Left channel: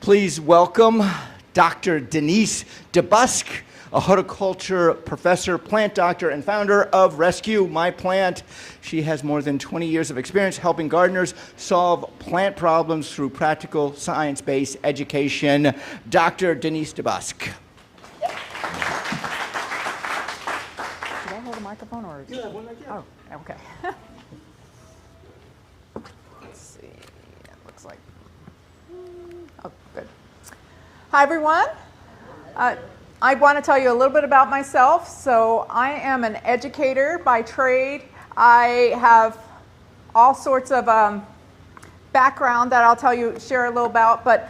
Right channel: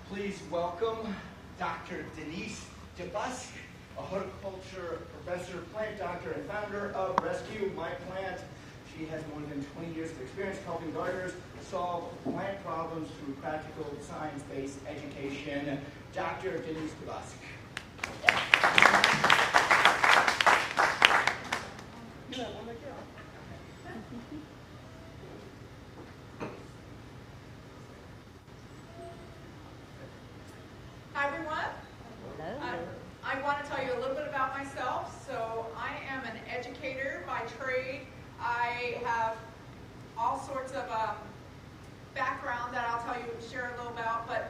Please welcome Dr. Denise DeBusk, a horticulture professor, plant doctor, and founder of Rescue My Plant. She has more than 20 years of experience helping gardeners solve plant problems through practical science-based education. Dr. Denise DeBusk. Do I hold the microphone or? Yeah, one right here. Oh, okay. Let's see. It looks like. Oh, good. Hi, everyone. I want to tell you a little bit about myself. So I am an educator by trade. I have all sorts of background that I'll share a little about. But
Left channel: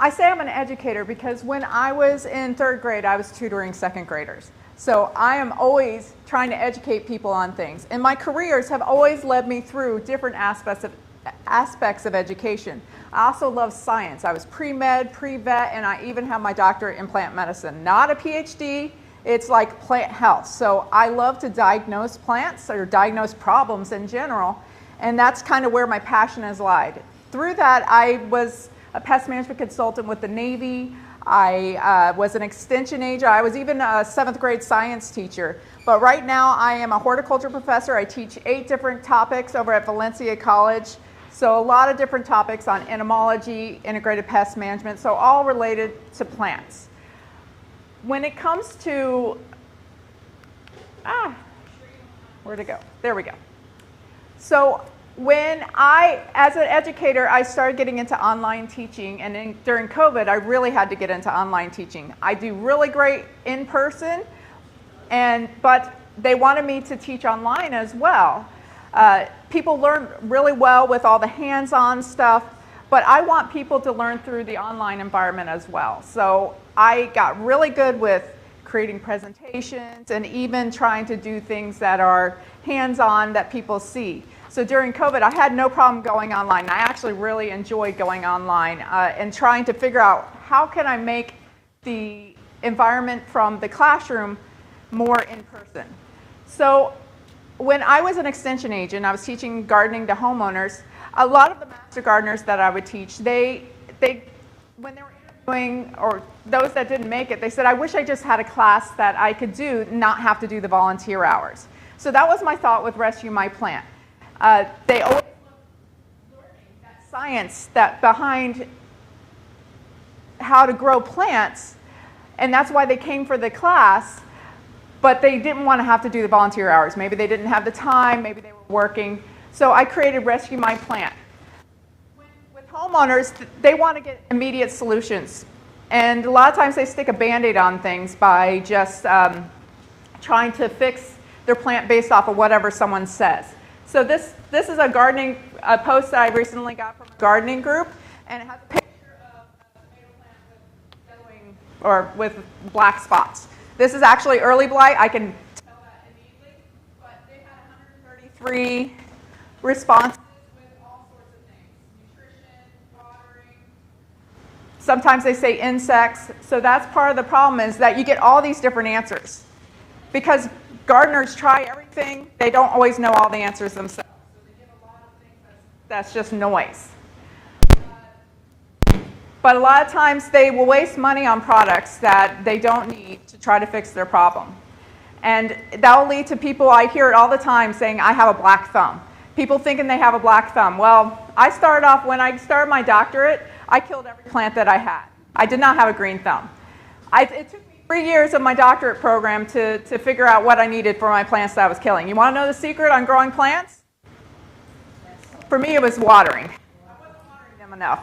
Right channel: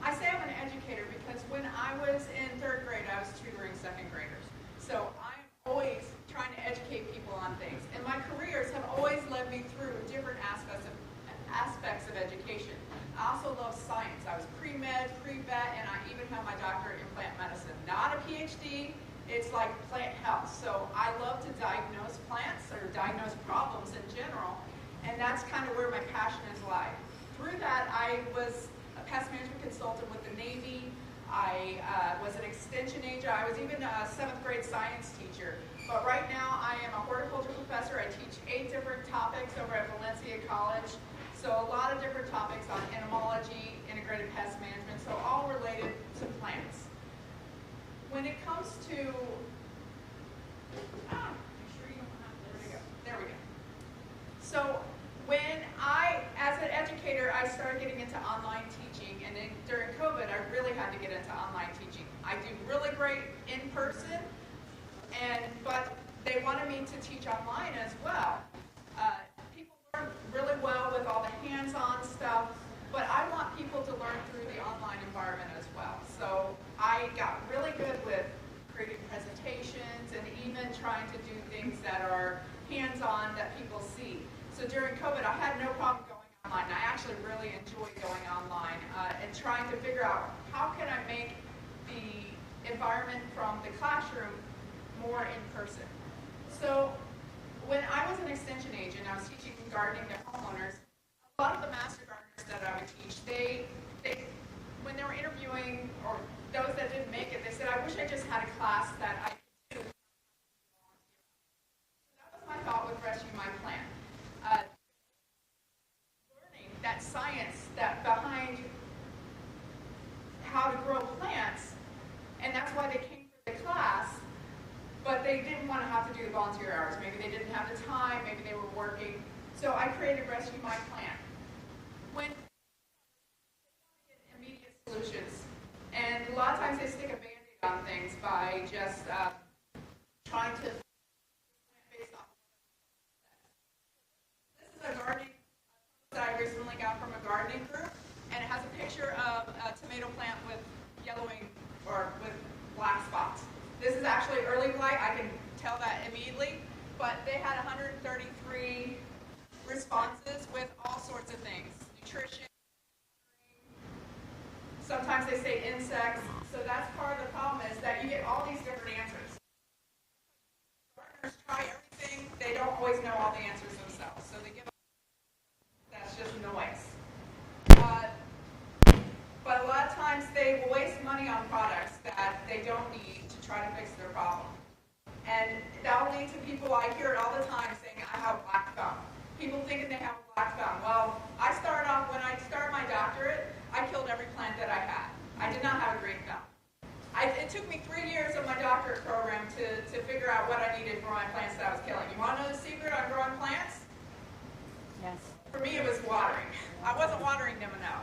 I say I'm an educator because when I was in third grade, I was tutoring second graders. So I am always trying to educate people on things. And my careers have always led me through different aspects of education. I also love science. I was pre-med, pre-vet, and I even have my doctorate in plant medicine. Not a PhD, it's like plant health. So I love to diagnose plants or diagnose problems in general, and that's kind of where my passion has lied. Through that, I was a pest management consultant with the Navy. I was an extension agent. I was even a 7th grade science teacher. But right now, I am a horticulture professor. I teach 8 different topics over at Valencia College. So a lot of different topics on entomology, integrated pest management, so all related to plants. When it comes to, where'd it go? There we go. So when as an educator, I started getting into online teaching, and during COVID, I really had to get into online teaching. I do really great in person, but they wanted me to teach online as well. People learn really well with all the hands-on stuff, but I want people to learn through the online environment as well. So I got really good with creating presentations and even trying to do things that are hands-on that people see. So during COVID, I had no problem going online. I actually really enjoyed going online and trying to figure out how can I make the environment from the classroom more in person. So when I was an extension agent, I was teaching gardening to homeowners. A lot of the master gardeners that I would teach, when they were interviewing, or those that didn't make it, they said, I wish I just had a class that I could do, not have to do the volunteer hours. So that was my thought with Rescue My Plant. They always learning that science that behind how to grow plants, and that's why they came for the class. But they didn't want to have to do the volunteer hours. Maybe they didn't have the time, maybe they were working. So I created Rescue My Plant. With homeowners, they want to get immediate solutions. And a lot of times they stick a Band-Aid on things by just trying to fix their plant based off of whatever someone says. So this is a gardening post that I recently got from a gardening group, and it has a picture of a tomato plant with yellowing or with black spots. This is actually early blight. I can tell that immediately. But they had 133 responses with all sorts of things. Nutrition, watering. Sometimes they say insects. So that's part of the problem, is that you get all these different answers. Because gardeners try everything, they don't always know all the answers themselves. So they get a lot of things that's just noise. But a lot of times they will waste money on products that they don't need to try to fix their problem. And that will lead to people, I hear it all the time, saying, I have a black thumb. People thinking they have a black thumb. Well, when I started my doctorate, I killed every plant that I had. I did not have a green thumb. It took me 3 years of my doctorate program to figure out what I needed for my plants that I was killing. You want to know the secret on growing plants? Yes. For me, it was watering. I wasn't watering them enough.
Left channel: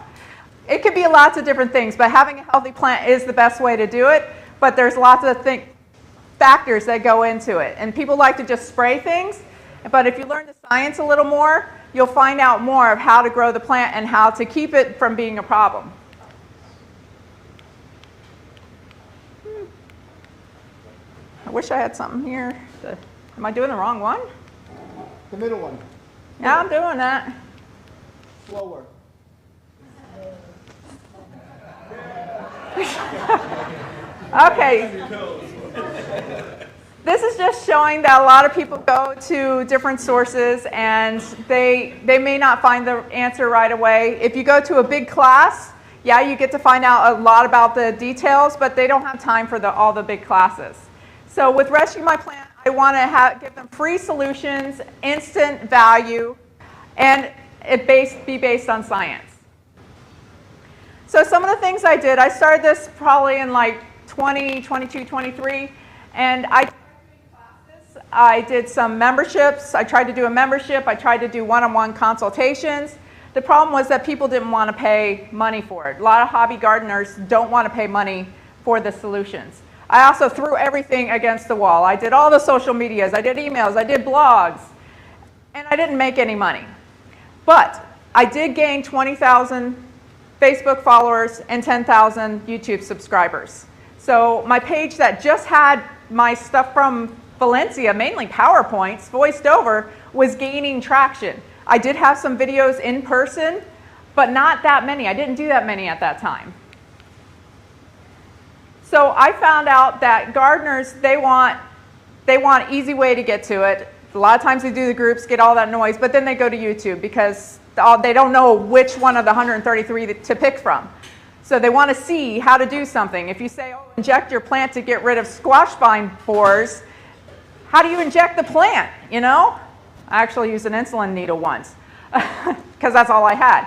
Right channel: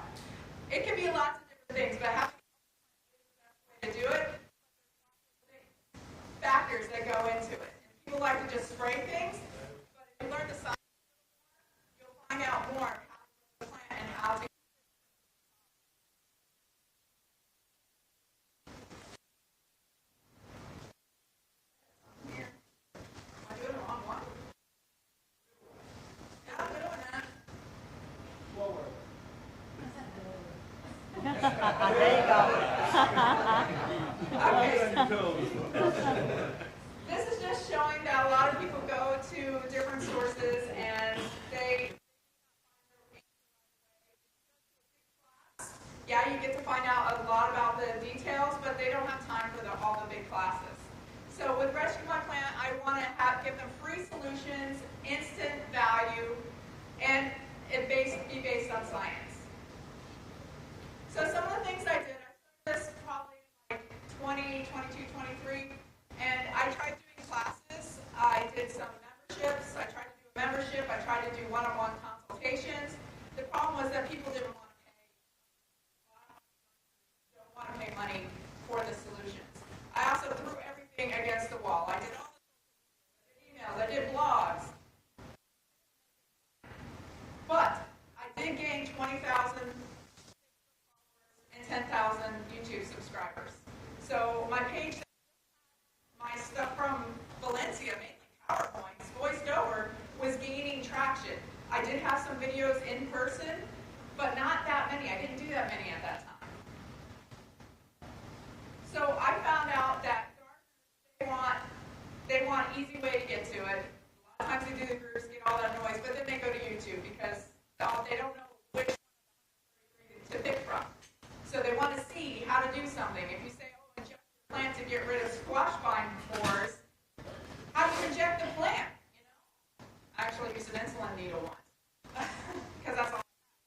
It could be lots of different things, but having a healthy plant is the best way to do it. But there's lots of factors that go into it. And people like to just spray things. But if you learn the science a little more, you'll find out more of how to grow the plant and how to keep it from being a problem. I wish I had something here. Am I doing the wrong one? The middle one. Yeah, I'm doing that. Slower. Okay. This is just showing that a lot of people go to different sources and they may not find the answer right away. If you go to a big class, Yeah, you get to find out a lot about the details, but they don't have time for all the big classes. So with Rescue My Plant, I want to give them free solutions, instant value, and be based on science. So some of the things I did, I started this probably in like 22, 23, and I tried doing classes. I did some memberships. I tried to do a membership. I tried to do one-on-one consultations. The problem was that people didn't want to pay money for it. A lot of hobby gardeners don't want to pay money for the solutions. I also threw everything against the wall. I did all the social medias. I did emails. I did blogs. And I didn't make any money. But I did gain 20,000 Facebook followers and 10,000 YouTube subscribers. So my page that just had my stuff from Valencia, mainly PowerPoints, voiced over, was gaining traction. I did have some videos in person, but not that many. I didn't do that many at that time. So I found out that gardeners, they want an easy way to get to it. A lot of times they do the groups, get all that noise, but then they go to YouTube because they don't know which one of the 133 to pick from. So they want to see how to do something. If you say, oh, inject your plant to get rid of squash vine borers, how do you inject the plant, you know? I actually used an insulin needle once because that's all I had.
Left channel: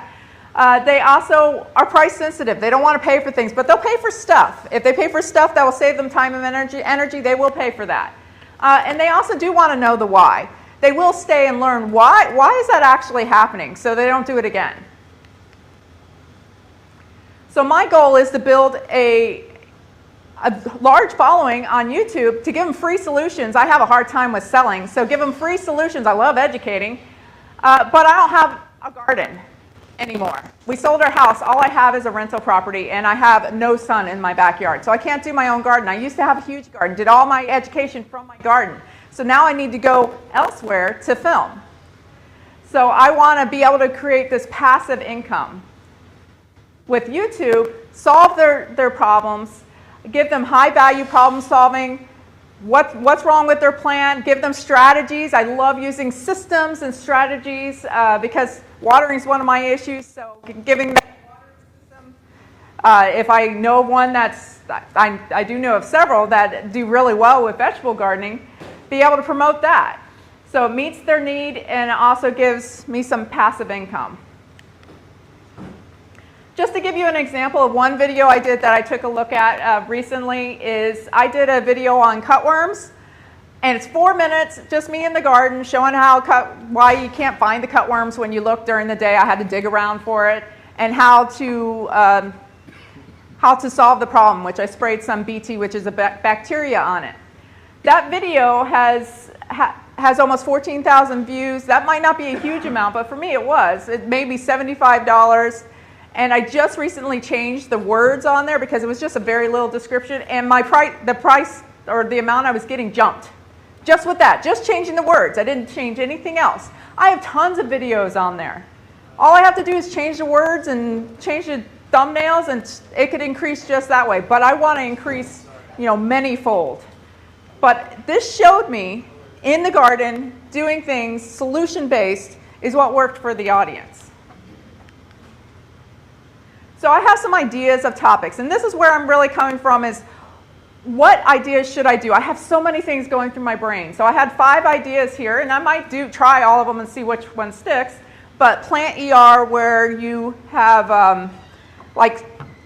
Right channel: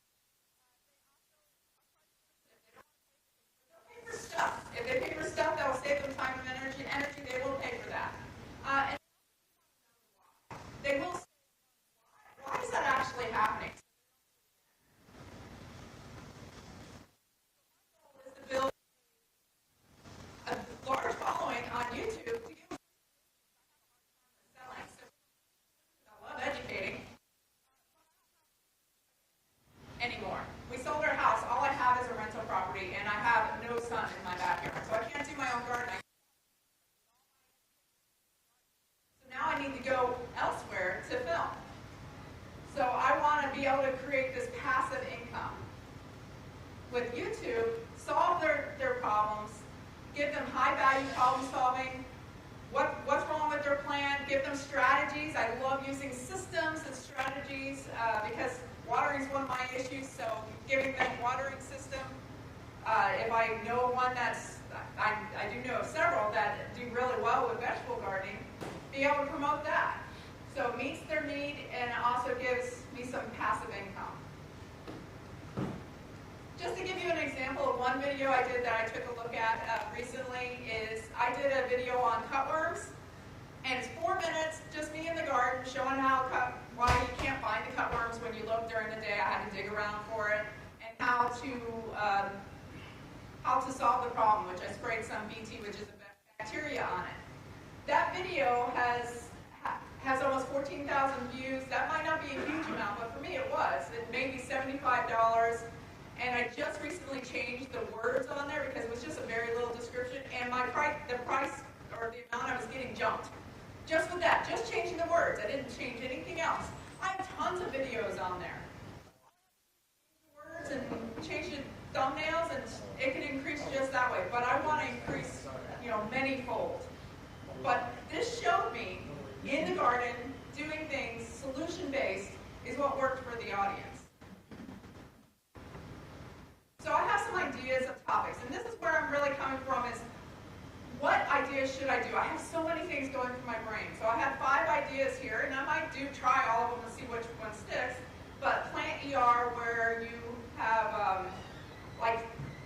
They also are price sensitive. They don't want to pay for things, but they'll pay for stuff. If they pay for stuff that will save them time and energy, they will pay for that. And they also do want to know the why. They will stay and learn why is that actually happening, so they don't do it again. So my goal is to build a large following on YouTube to give them free solutions. I have a hard time with selling, so give them free solutions. I love educating, but I don't have a garden anymore. We sold our house. All I have is a rental property, and I have no sun in my backyard, so I can't do my own garden. I used to have a huge garden, did all my education from my garden. So now I need to go elsewhere to film. So I want to be able to create this passive income with YouTube, solve their problems, give them high-value problem solving, what's wrong with their plant, give them strategies. I love using systems and strategies because watering is one of my issues, so giving them a watering system. If I know one I do know of several that do really well with vegetable gardening, be able to promote that. So it meets their need and it also gives me some passive income. Just to give you an example of one video I did that I took a look at recently is I did a video on cutworms, and it's 4 minutes, just me in the garden showing why you can't find the cutworms when you look during the day. I had to dig around for it, and how to solve the problem, which I sprayed some BT, which is a bacteria, on it. That video has almost 14,000 views. That might not be a huge amount, but for me it was. It made me $75. And I just recently changed the words on there because it was just a very little description, and the price or the amount I was getting jumped. Just with that, just changing the words. I didn't change anything else. I have tons of videos on there. All I have to do is change the words and change the thumbnails, and it could increase just that way. But I want to increase, many-fold. But this showed me in the garden doing things solution-based is what worked for the audience. So I have some ideas of topics, and this is where I'm really coming from is what ideas should I do? I have so many things going through my brain. So I had 5 ideas here, and I might try all of them and see which one sticks. But plant ER, where you have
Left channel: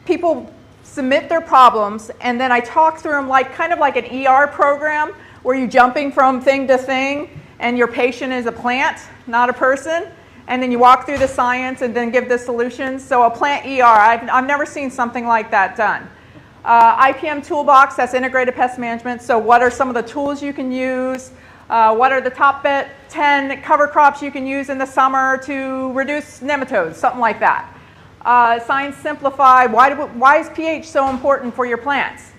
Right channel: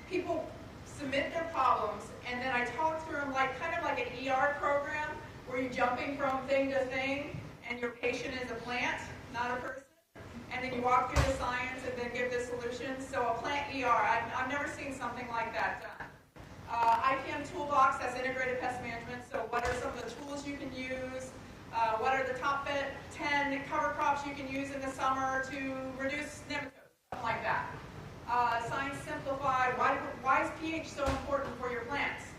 people submit their problems, and then I talk through them kind of like an ER program where you're jumping from thing to thing, and your patient is a plant, not a person. And then you walk through the science and then give the solutions. So a plant ER, I've never seen something like that done. IPM toolbox, that's integrated pest management. So what are some of the tools you can use? What are the top 10 cover crops you can use in the summer to reduce nematodes, something like that. Science Simplify, why is pH so important for your plants?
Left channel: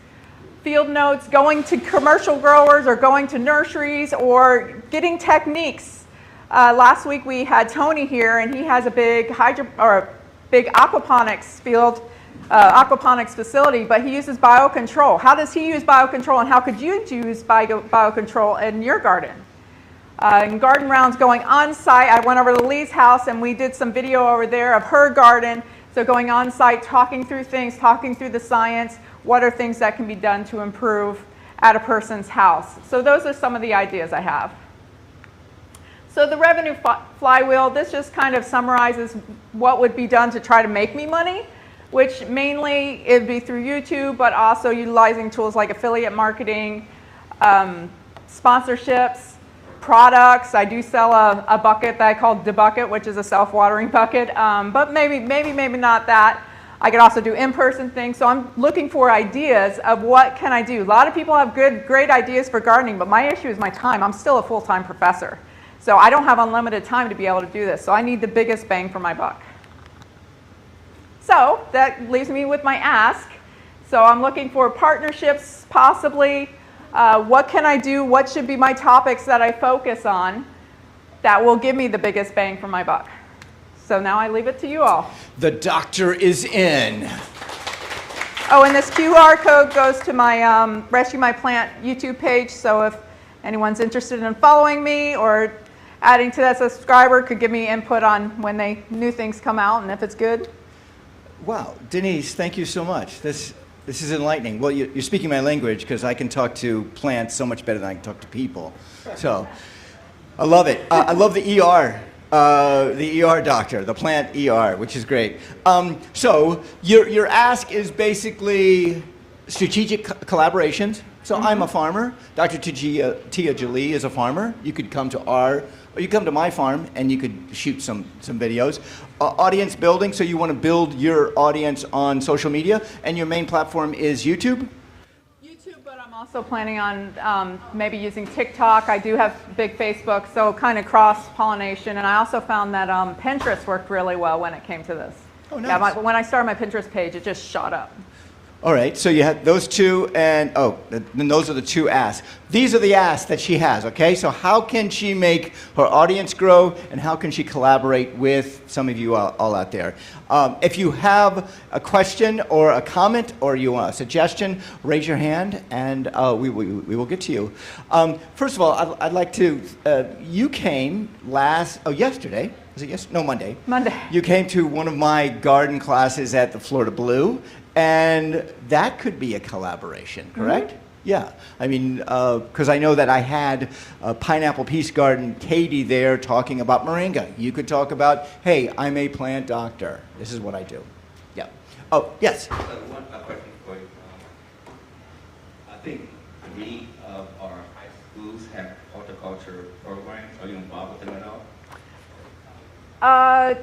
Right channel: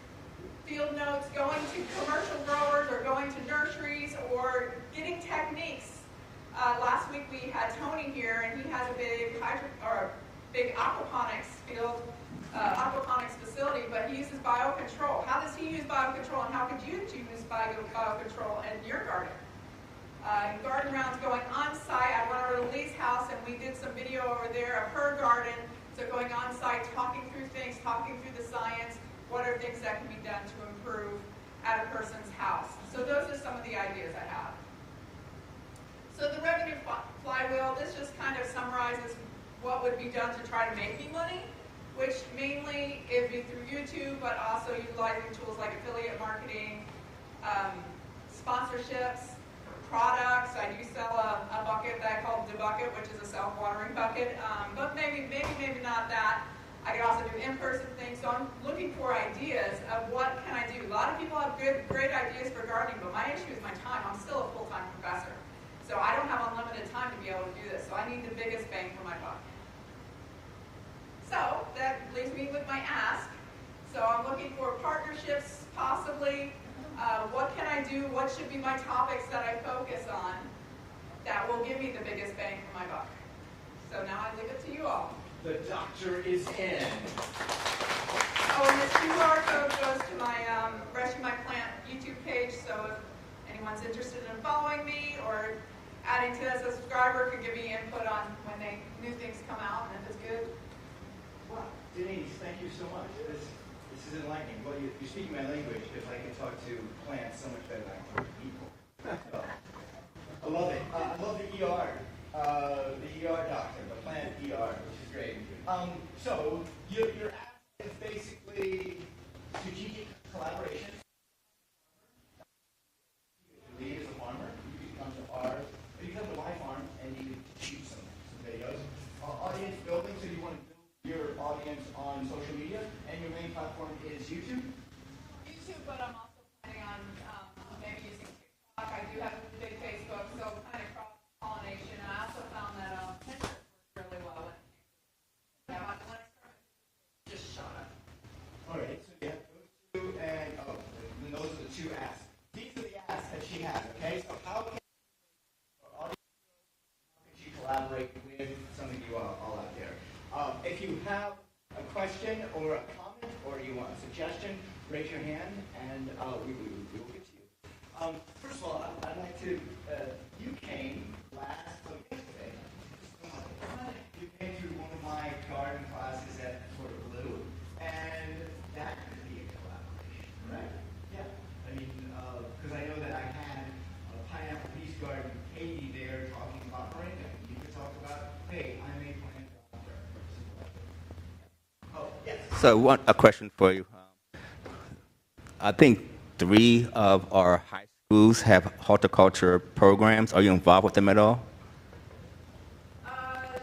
Field notes, going to commercial growers or going to nurseries or getting techniques. Last week we had Tony here, and he has a big aquaponics field, aquaponics facility, but he uses biocontrol. How does he use biocontrol, and how could you use biocontrol in your garden? And garden rounds going on site. I went over to Lee's house, and we did some video over there of her garden, So going on site, talking through things, talking through the science, what are things that can be done to improve at a person's house. So those are some of the ideas I have. So the revenue flywheel, this just kind of summarizes what would be done to try to make me money, which mainly it'd be through YouTube, but also utilizing tools like affiliate marketing, sponsorships, products. I do sell a bucket that I call DeBusk, which is a self-watering bucket, but maybe not that. I could also do in-person things. So I'm looking for ideas of what can I do. A lot of people have great ideas for gardening, but my issue is my time. I'm still a full-time professor. So I don't have unlimited time to be able to do this. So I need the biggest bang for my buck. So that leaves me with my ask. So I'm looking for partnerships, possibly. What can I do? What should be my topics that I focus on that will give me the biggest bang for my buck? So now I leave it to you all. The doctor is in. Oh, and this QR code goes to my Rescue My Plant YouTube page. So if anyone's interested in following me or adding to that subscriber, could give me input on when new things come out and if it's good. Wow, Denise, thank you so much. This is enlightening. Well, you're speaking my language because I can talk to plants so much better than I can talk to people. So I love it. I love the ER doctor, the plant ER, which is great. So your ask is basically strategic collaborations. So I'm a farmer. Dr. Tia Jolie is a farmer. You could come to or you come to my farm and you could shoot some videos. Audience building, so you want to build your audience on social media, and your main platform is YouTube? YouTube, but I'm also planning on maybe using TikTok. I do have big Facebook, so kind of cross-pollination. And I also found that Pinterest worked really well when it came to this. Oh, nice. Yeah, when I started my Pinterest page, it just shot up. All right, so you have those two, and then those are the two asks. These are the asks that she has, okay? So how can she make her audience grow, and how can she collaborate with some of you all out there? If you have a question or a comment or you want a suggestion, raise your hand, and we will get to you. First of all, I'd like to, you came yesterday. Was it yesterday? No, Monday. Monday. You came to one of my garden classes at the Florida Blue. And that could be a collaboration, correct? Mm-hmm. Yeah. I mean, because I know that I had Pineapple Peace Garden, Katie there talking about moringa. You could talk about, hey, I'm a plant doctor. This is what I do. Yeah. Oh, yes. So a question for you. I think 3 of our high schools have horticulture programs. Are you involved with them at all? I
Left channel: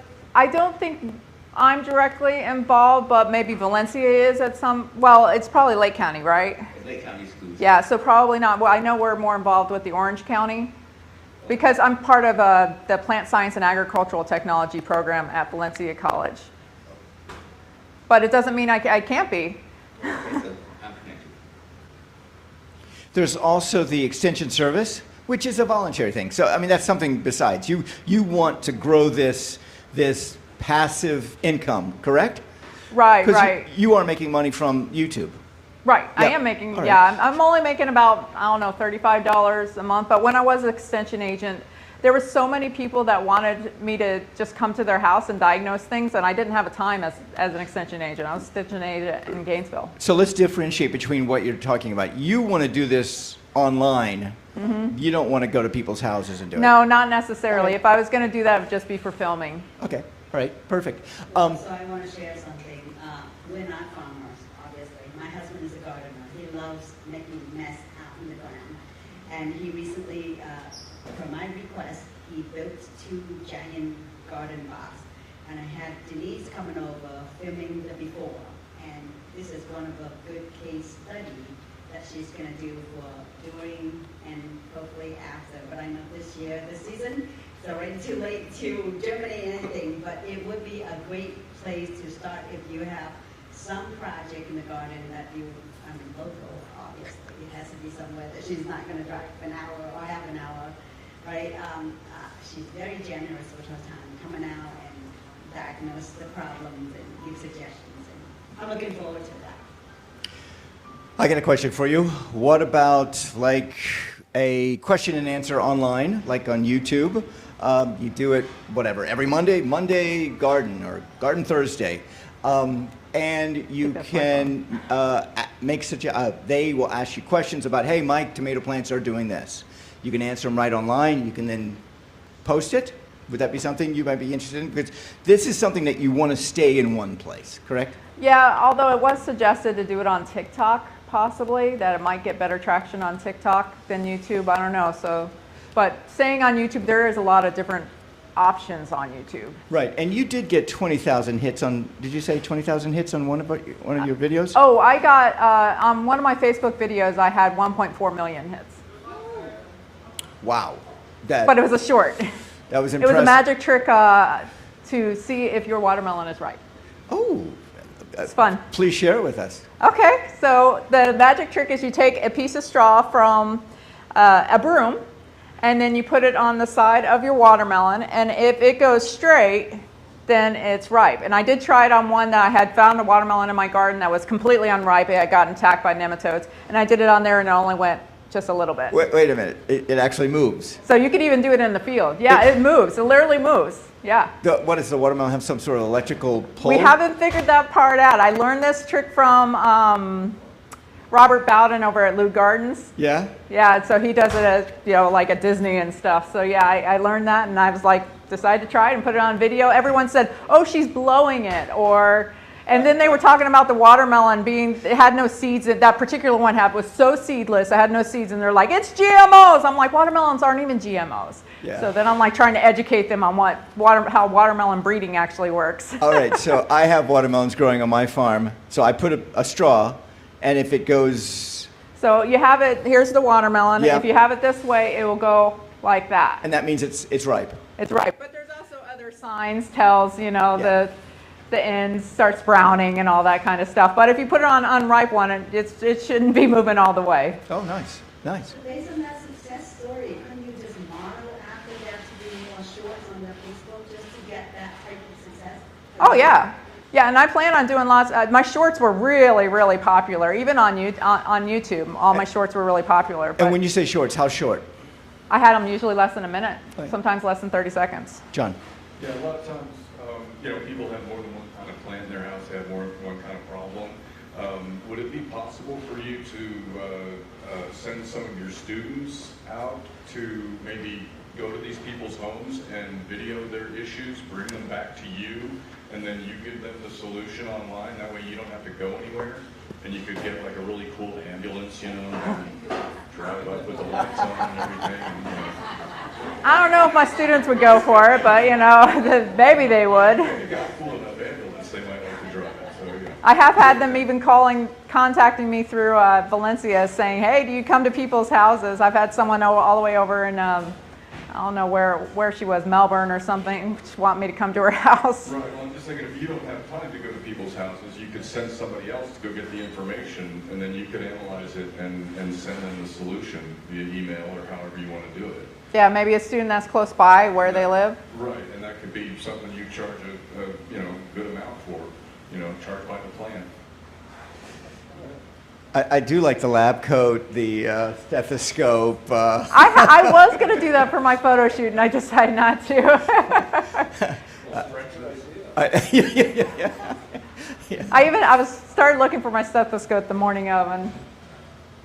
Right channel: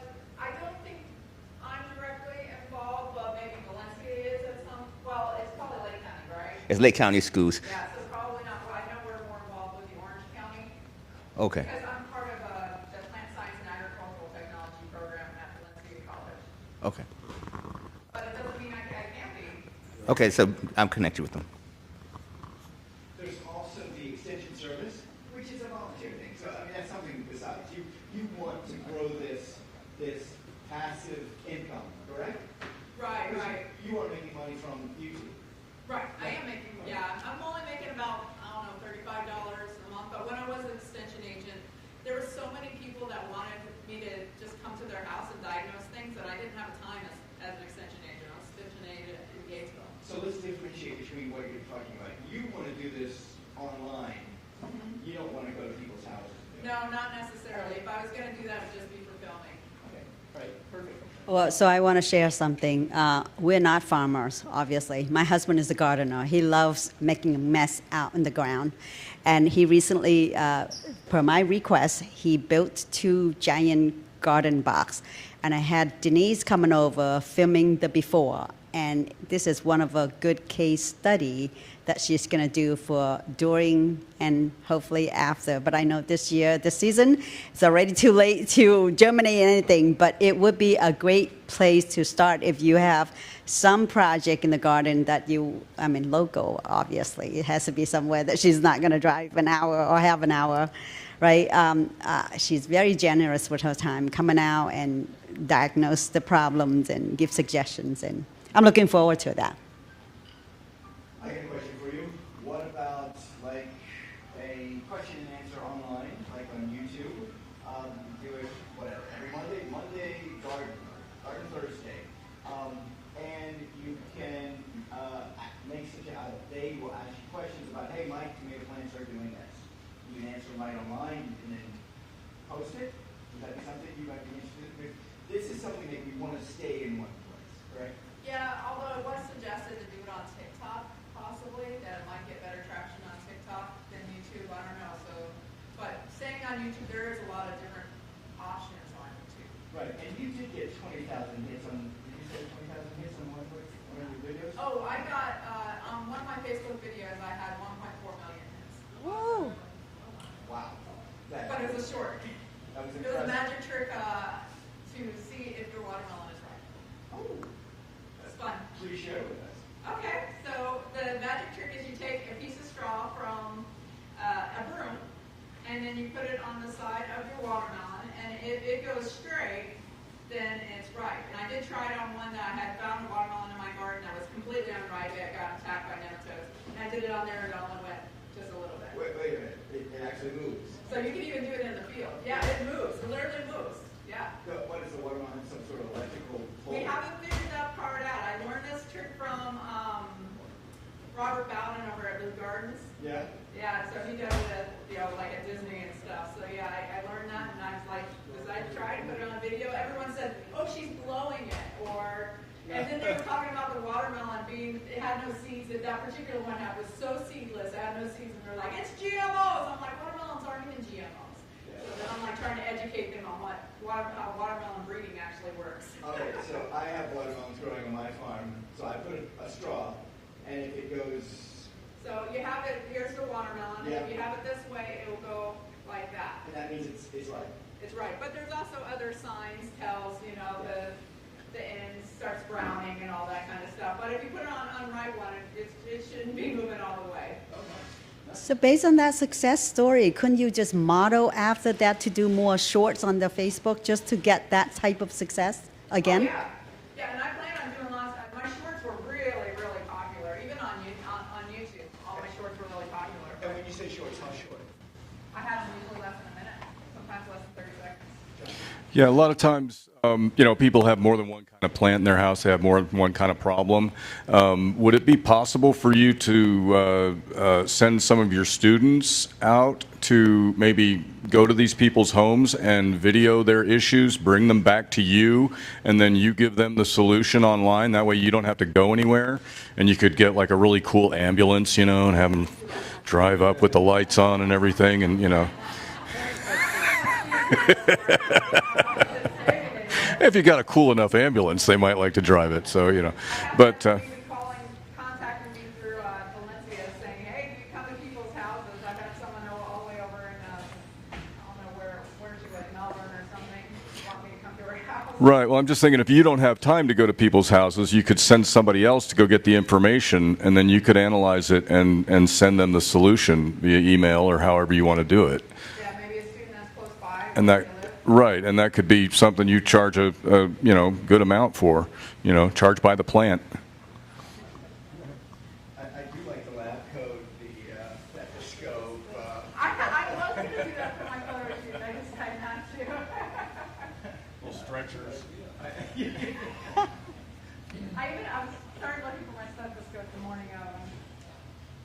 don't think I'm directly involved, but maybe Valencia is at some, well, it's probably Lake County, right? It's Lake County schools. Yeah, so probably not. Well, I know we're more involved with the Orange County Okay. because I'm part of the Plant Science and Agricultural Technology program at Valencia College. Okay. But it doesn't mean I can't be. Okay, so I'm connected with them. There's also the Extension Service, which is a voluntary thing. So, I mean, that's something besides. You want to grow this passive income, correct? Right, Because right. you are making money from YouTube. Right, I Yeah. am making, All right. yeah, I'm only making about, I don't know, $35 a month. But when I was an extension agent, there were so many people that wanted me to just come to their house and diagnose things, and I didn't have a time as an extension agent. I was an extension agent in Gainesville. So let's differentiate between what you're talking about. You want to do this online. Mm-hmm. You don't want to go to people's houses and do it. No, not necessarily. If I was going to do that, it would just be for filming. Okay. All right. Perfect. Well, so I want to share something. We're not farmers, obviously. My husband is a gardener. He loves making a mess out in the ground. And he recently, per my request, he built 2 giant garden boxes. And I had Denise coming over, filming the before. And this is one of a good case study that she's going to do for during and hopefully after. But I know this season, it's already too late to germinate anything, but it would be a great place to start if you have some project in the garden that local, obviously. It has to be somewhere that she's not going to drive an hour or half an hour, right? She's very generous with her time, coming out and diagnose the problems and give suggestions, and I'm looking forward to that. I got a question for you. What about like a question and answer online, like on YouTube? You do it, whatever, every Monday garden or garden Thursday. And you can make they will ask you questions about, hey, my tomato plants are doing this. You can answer them right online. You can then post it. Would that be something you might be interested in? Because this is something that you want to stay in one place, correct? Yeah, although it was suggested to do it on TikTok, possibly, that it might get better traction on TikTok than YouTube. I don't know. So, but staying on YouTube, there is a lot of different options on YouTube. Right, and you did get 20,000 hits on, did you say 20,000 hits on one of your videos? Oh, I got, on one of my Facebook videos, I had 1.4 million hits. Wow. But it was a short. That was It impressive. was a magic trick to see if your watermelon is ripe. Oh. It's fun. Please share it with us. Okay, so the magic trick is you take a piece of straw from a broom, and then you put it on the side of your watermelon, and if it goes straight, then it's ripe. And I did try it on one that I had found a watermelon in my garden that was completely unripe. It had gotten attacked by nematodes, and I did it on there, and it only went just a little bit. Wait a minute. It actually moves. So you could even do it in the field. Yeah, it moves. It literally moves. Yeah. What does the watermelon have, some sort of electrical pull? We haven't figured that part out. I learned this trick from Robert Bowden over at Lou Gardens. Yeah? Yeah, so he does it at, like at Disney and stuff. So yeah, I learned that, and I was like, decided to try it and put it on video. Everyone said, oh, she's blowing it, and then they were talking about the watermelon it had no seeds. That particular one was so seedless, it had no seeds, and they're like, it's GMOs. I'm like, watermelons aren't even GMOs. Yeah. So then I'm like trying to educate them on how watermelon breeding actually works. All right, so I have watermelons growing on my farm. So I put a straw, and if it goes... So you have it, here's the watermelon. Yeah. If you have it this way, it will go like that. And that means it's ripe. It's ripe. But there's also other signs, tells, Yeah. the end starts browning and all that kind of stuff. But if you put it on unripe one, it shouldn't be moving all the way. Oh, nice. Nice. So based on that success story, couldn't you just model after that to do more shorts on the Facebook just to get that type of success again? Oh, yeah. Yeah, and I plan on doing lots. My shorts were really, really popular. Even on YouTube, all my shorts were really popular. But And when you say shorts, how short? I had them usually less than a minute, Right. sometimes less than 30 seconds. John? Yeah, a lot of times, people have more than one kind of plant in their house. They have more than one kind of problem. Would it be possible for you to send some of your students out to maybe go to these people's homes and video their issues, bring them back to you, and then you give them the solution online? That way you don't have to go anywhere, and you could get like a really cool ambulance, and have them drive up with the lights on and everything, and I don't know if my students would go for it, but maybe they would. If you got a cool enough ambulance, they might like to drive it. So I have had But, them even contacting me through Valencia, saying, "Hey, do you come to people's houses?" I've had someone all the way over in I don't know where she was, Melbourne or something, want me to come to her house. Right. Well, I'm just thinking if you don't have time to go to people's houses, you could send somebody else to go get the information, and then you could analyze it and send them the solution via email or however you want to do it. Yeah, maybe a student that's close by where they live. Right, and that could be something you charge a good amount for, charge by the plant. I do like the lab coat, the stethoscope. I was going to do that for my photo shoot, and I decided not to. I started looking for my stethoscope the morning of, and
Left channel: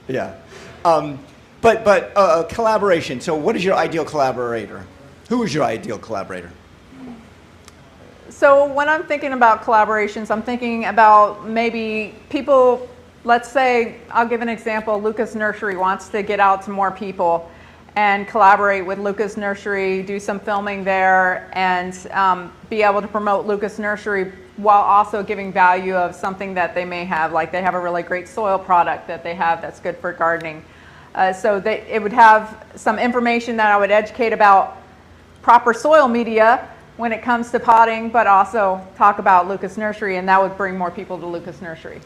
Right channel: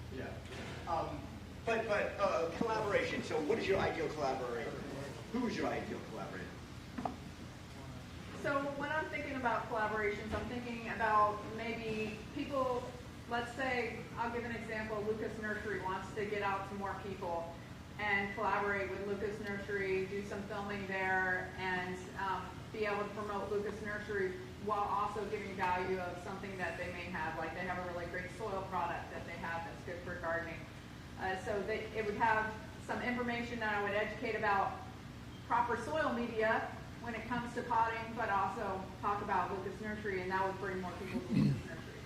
Yeah. But collaboration. So what is your ideal collaborator? Who is your ideal collaborator? so when I'm thinking about collaborations, I'm thinking about maybe people. Let's say, I'll give an example. Lucas Nursery wants to get out to more people and collaborate with Lucas Nursery, do some filming there, and be able to promote Lucas Nursery while also giving value of something that they may have. Like they have a really great soil product that they have that's good for gardening. So it would have some information that I would educate about proper soil media when it comes to potting, but also talk about Lucas Nursery, and that would bring more people to Lucas Nursery.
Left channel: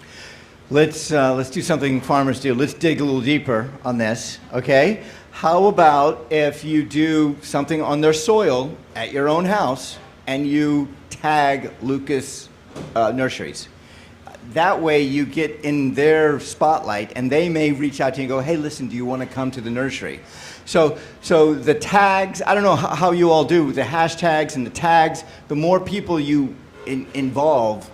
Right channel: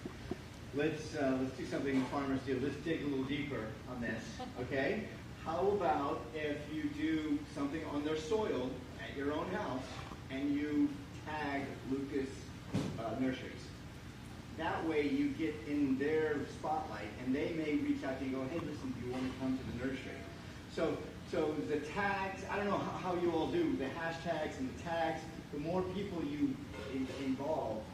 Let's do something farmers do. Let's dig a little deeper on this, okay? How about if you do something on their soil at your own house and you tag Lucas Nurseries? That way you get in their spotlight and they may reach out to you and go, hey, listen, do you want to come to the nursery? So the tags, I don't know how you all do the hashtags and the tags. The more people you involve,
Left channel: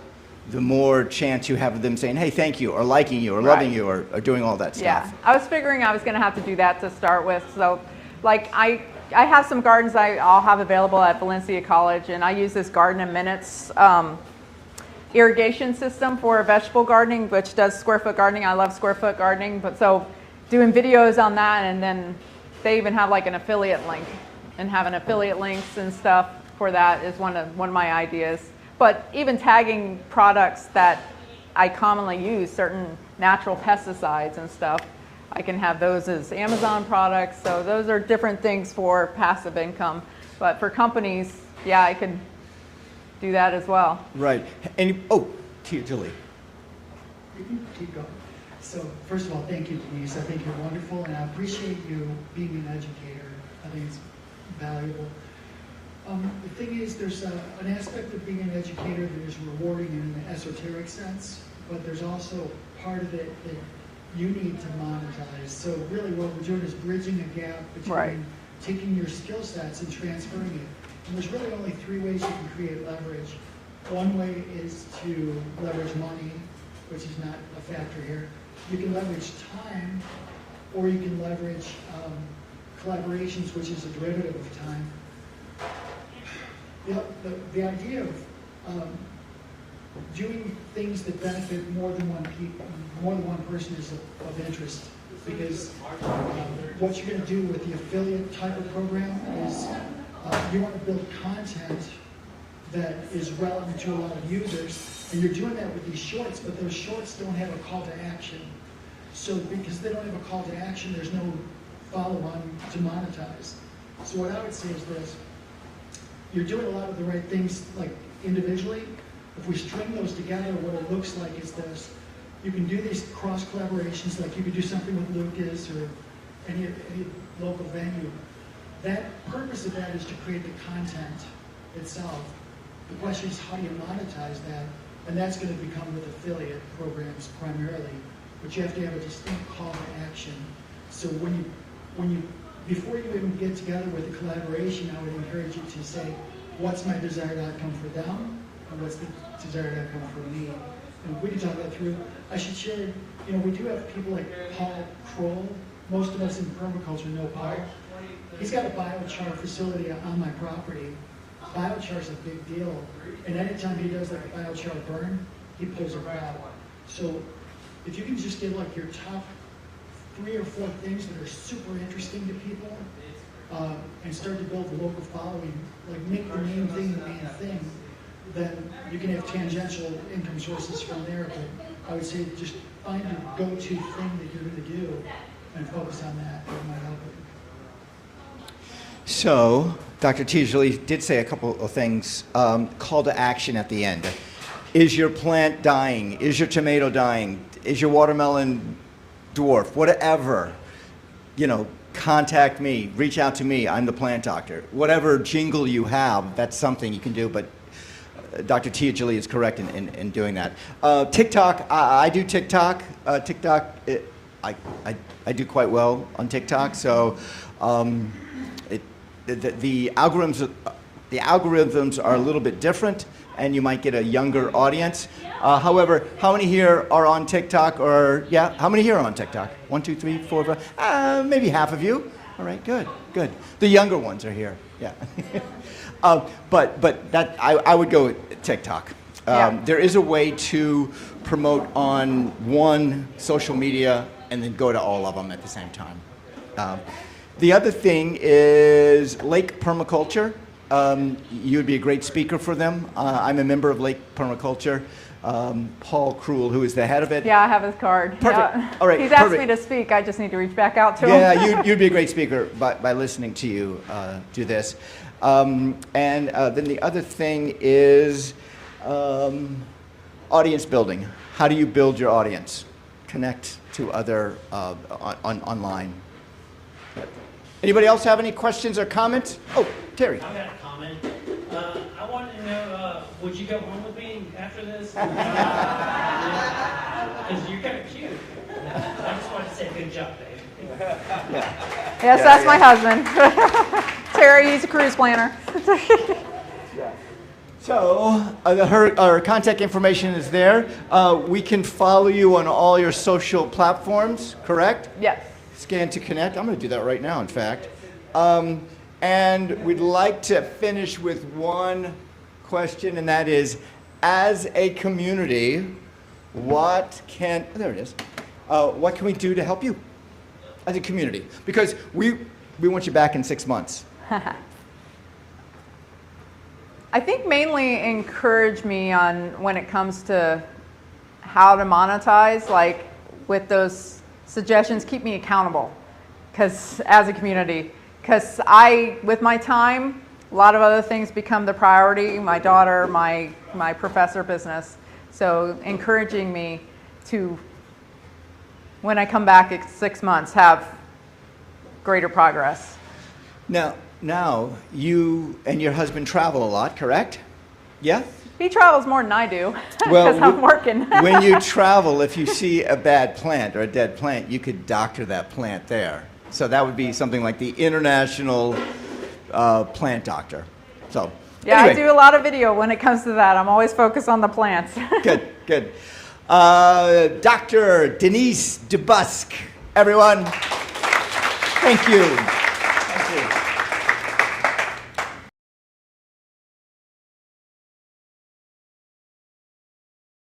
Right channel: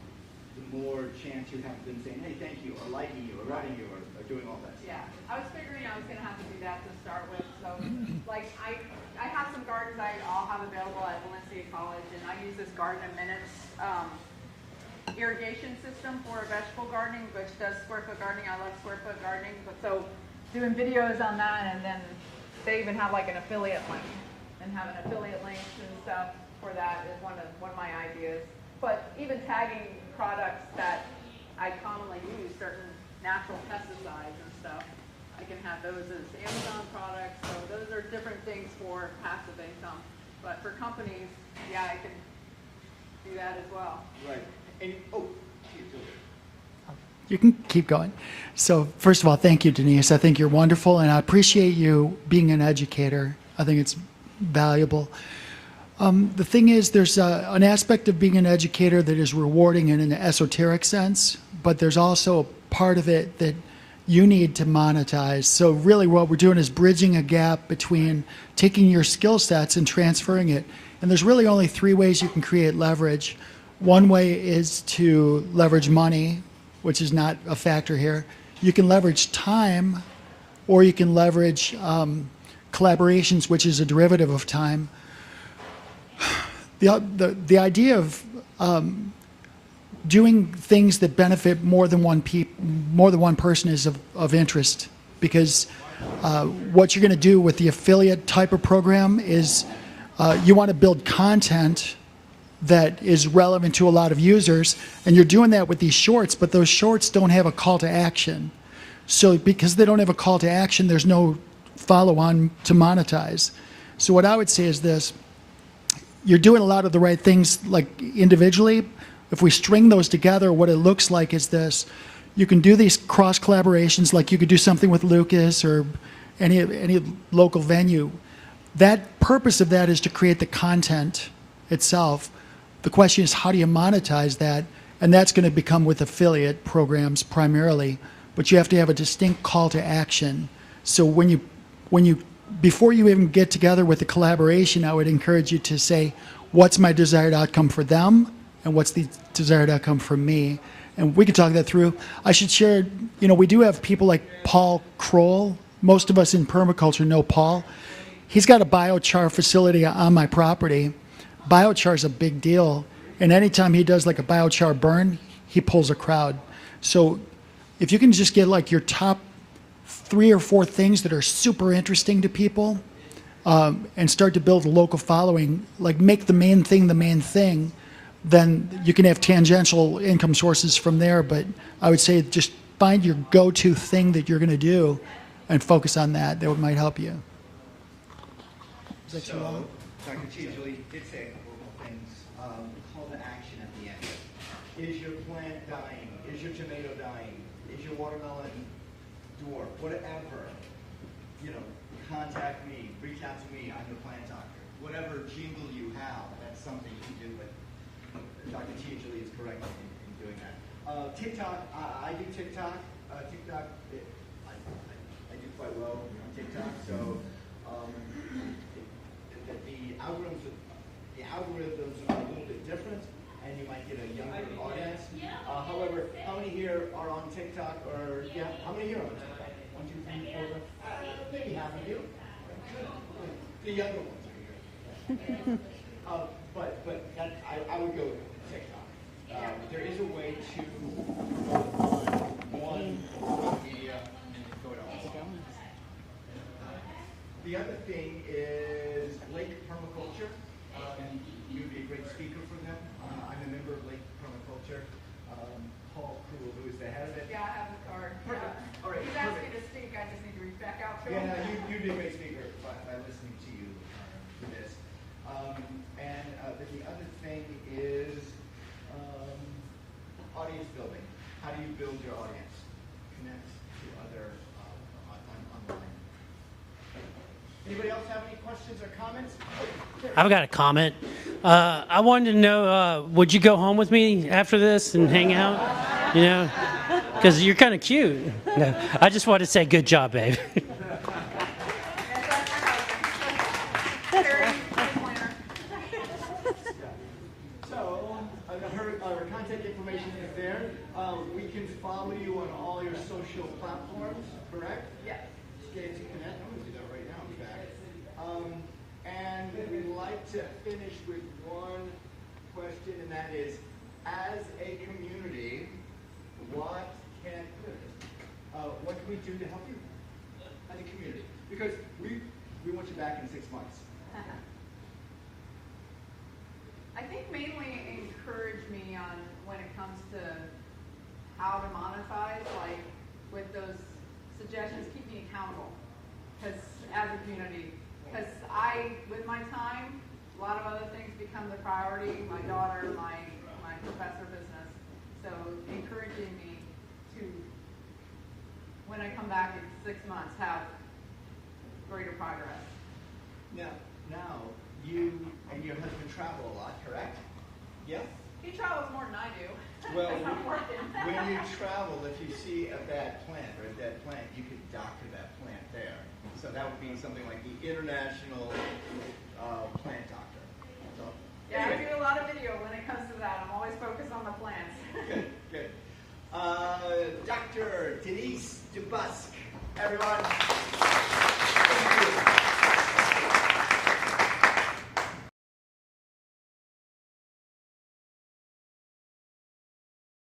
the more chance you have of them saying, hey, thank you, or liking you, or loving you, or doing all that stuff. Yeah, I was figuring I was going to have to do that to start with. So, like, I have some gardens I'll have available at Valencia College, and I use this Garden in Minutes irrigation system for vegetable gardening, which does square foot gardening. I love square foot gardening, but so doing videos on that, and then they even have like an affiliate link, and having affiliate links and stuff for that is one of my ideas. But even tagging products that I commonly use, certain natural pesticides and stuff, I can have those as Amazon products. So those are different things for passive income. But for companies, yeah, I could do that as well. Right. And Tia Julie. You can keep going. So first of all, thank you, Denise. I think you're wonderful, and I appreciate you being an educator. I think it's valuable. The thing is, there's an aspect of being an educator that is rewarding in an esoteric sense, but there's also a part of it that you need to monetize. So really what we're doing is bridging a gap between taking your skill sets and transferring it. And there's really only three ways you can create leverage. One way is to leverage money, which is not a factor here. You can leverage time, or you can leverage collaborations, which is a derivative of time. The idea of doing things that benefit more than one person is of interest, because what you're going to do with the affiliate type of program is you want to build content that is relevant to a lot of users, and you're doing that with these shorts, but those shorts don't have a call to action. So because they don't have a call to action, there's no follow-on to monetize. So what I would say is this: you're doing a lot of the right things, like individually. If we string those together, what it looks like is this: you can do these cross collaborations, like you could do something with Lucas or any local venue. That purpose of that is to create the content itself. The question is, how do you monetize that? And that's going to become with affiliate programs primarily, but you have to have a distinct call to action. So before you even get together with the collaboration, I would encourage you to say, what's my desired outcome for them, and what's the desired outcome for me? And we could talk that through. I should share, we do have people like Paul Kroll. Most of us in permaculture know Paul. He's got a biochar facility on my property. Biochar is a big deal, and anytime he does like a biochar burn, he pulls a crowd. So if you can just get like your top 3 or 4 things that are super interesting to people, and start to build a local following, like make the main thing, then you can have tangential income sources from there. But I would say just find your go-to thing that you're going to do and focus on that. That might help you. So, Dr. Teasley did say a couple of things. Call to action at the end. Is your plant dying? Is your tomato dying? Is your watermelon dwarf? Whatever. Contact me. Reach out to me. I'm the plant doctor. Whatever jingle you have, that's something you can do. But Dr. Teasley is correct in doing that. TikTok. I do TikTok. TikTok. I do quite well on TikTok. So. The algorithms are a little bit different, and you might get a younger audience. However, how many here are on TikTok? How many here are on TikTok? 1, 2, 3, 4, 5. Maybe half of you. All right, good. The younger ones are here. Yeah. But that I would go with TikTok. There is a way to promote on one social media and then go to all of them at the same time. The other thing is Lake Permaculture. You would be a great speaker for them. I'm a member of Lake Permaculture. Paul Krul, who is the head of it. Yeah, I have his card. Perfect. Yeah. All right. He's asked me to speak. I just need to reach back out to him. Yeah, you'd be a great speaker by listening to you do this. And then the other thing is audience building. How do you build your audience? Connect to other online. Anybody else have any questions or comments? Oh, Terry. I've got a comment. I wanted to know, would you go home with me after this and hang out? Because you're kind of cute. I just wanted to say good job, babe. Yeah. Yes, that's my husband. Terry, he's a cruise planner. So our contact information is there. We can follow you on all your social platforms, correct? Yes. Scan to connect. I'm going to do that right now, in fact. And we'd like to finish with one question, and that is, as a community, what can we do to help you as a community? Because we want you back in 6 months. I think mainly encourage me on when it comes to how to monetize, like with those suggestions, keep me accountable because as a community, because with my time, a lot of other things become the priority, my daughter, my professor business. So encouraging me to, when I come back in 6 months, have greater progress. Now, you and your husband travel a lot, correct? Yeah? He travels more than I do Well, because I'm working. When you travel, if you see a bad plant or a dead plant, you could doctor that plant there. So that would be something like the international plant doctor. So, Yeah, anyway. I do a lot of video when it comes to that. I'm always focused on the plants. Good. Dr. Denise DeBusk, everyone. Thank you.